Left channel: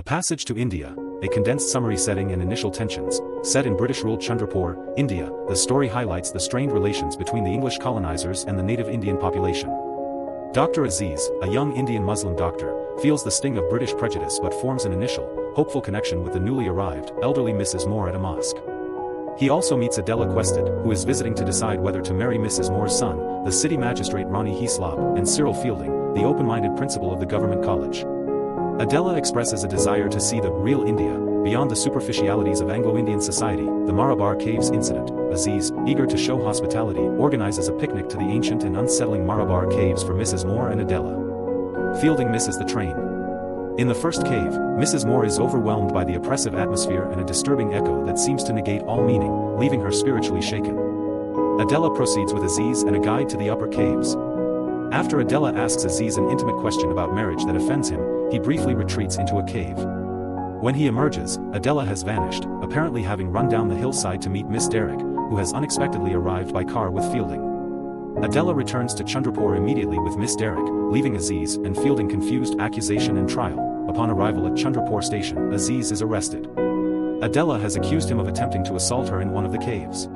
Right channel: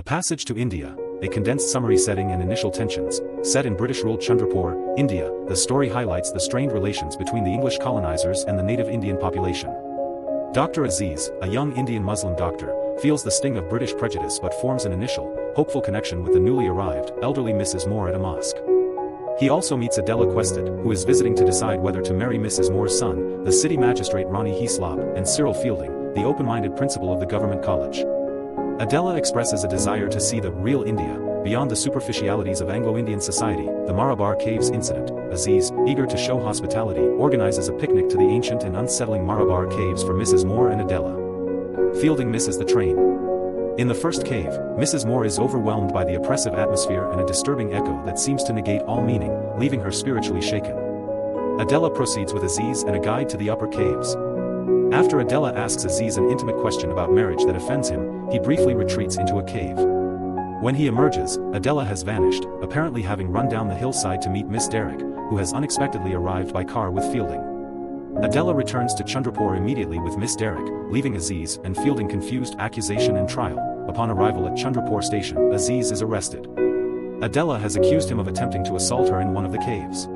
A Passage to India, a condensed summary setting and initial tensions. Set in British-ruled Chandrapur, India, the story highlights the strained relations between the English colonizers and the native Indian population. Dr. Aziz, a young Indian Muslim doctor, feels the sting of British prejudice but forms an initial, hopeful connection with the newly arrived, elderly Mrs. Moore at a mosque. He also meets Adela Quested, who is visiting to decide whether to marry Mrs. Moore's son, the city magistrate Ronnie Heaslop, and Cyril Fielding, the open-minded principal of the government college. Adela expresses a desire to see the real India, beyond the superficialities of Anglo-Indian society. The Marabar Caves incident. Aziz, eager to show hospitality, organizes a picnic to the ancient and unsettling Marabar Caves for Mrs. Moore and Adela. Fielding misses the train. In the first cave, Mrs. Moore is overwhelmed by the oppressive atmosphere and a disturbing echo that seems to negate all meaning, leaving her spiritually shaken. Adela proceeds with Aziz and a guide to the upper caves. After Adela asks Aziz an intimate question about marriage that offends him, he briefly retreats into a cave. When he emerges, Adela has vanished, apparently having run down the hillside to meet Miss Derrick, who has unexpectedly arrived by car with Fielding. Adela returns to Chandrapur immediately with Miss Derrick, leaving Aziz and Fielding confused. Accusation and trial. Upon arrival at Chandrapur station, Aziz is arrested. Adela has accused him of attempting to assault her in one of the caves.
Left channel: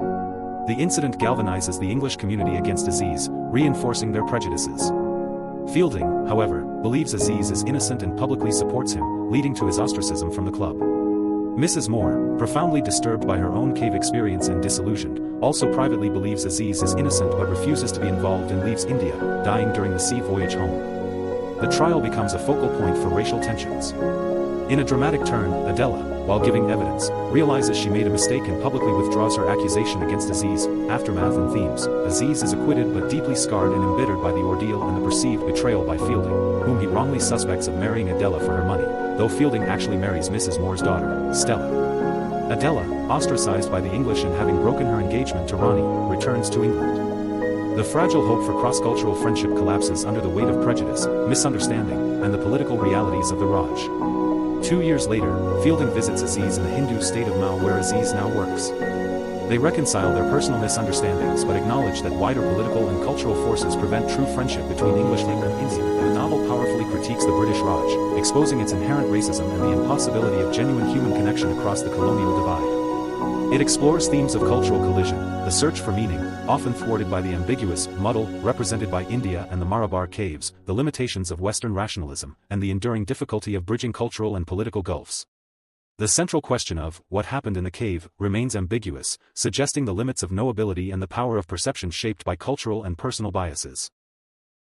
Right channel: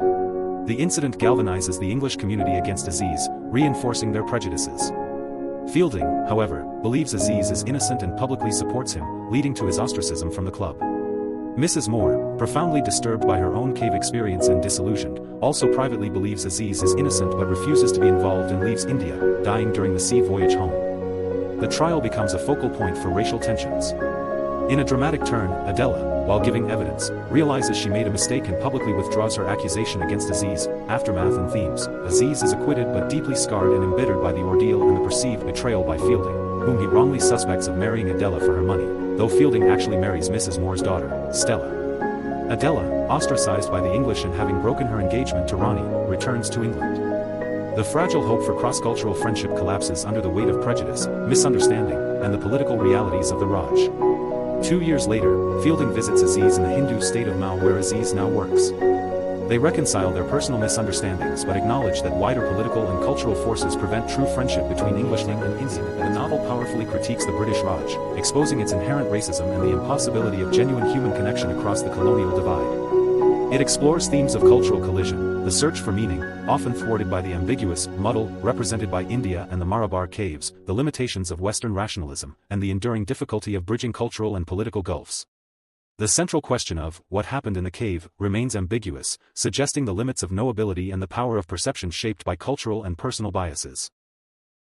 The incident galvanizes the English community against Aziz, reinforcing their prejudices. Fielding, however, believes Aziz is innocent and publicly supports him, leading to his ostracism from the club. Mrs. Moore, profoundly disturbed by her own cave experience and disillusioned, also privately believes Aziz is innocent but refuses to be involved and leaves India, dying during the sea voyage home. The trial becomes a focal point for racial tensions. In a dramatic turn, Adela, while giving evidence, realizes she made a mistake and publicly withdraws her accusation against Aziz. Aftermath and themes. Aziz is acquitted but deeply scarred and embittered by the ordeal and the perceived betrayal by Fielding, whom he wrongly suspects of marrying Adela for her money, though Fielding actually marries Mrs. Moore's daughter, Stella. Adela, ostracized by the English and having broken her engagement to Ronnie, returns to England. The fragile hope for cross-cultural friendship collapses under the weight of prejudice, misunderstanding, and the political realities of the Raj. 2 years later, Fielding visits Aziz in the Hindu state of Mao where Aziz now works. They reconcile their personal misunderstandings but acknowledge that wider political and cultural forces prevent true friendship between Englishmen and Indian. The novel powerfully critiques the British Raj, exposing its inherent racism and the impossibility of genuine human connection across the colonial divide. It explores themes of cultural collision, the search for meaning, often thwarted by the ambiguous, muddle, represented by India and the Marabar Caves, the limitations of Western rationalism, and the enduring difficulty of bridging cultural and political gulfs. The central question of what happened in the cave remains ambiguous, suggesting the limits of knowability and the power of perception shaped by cultural and personal biases.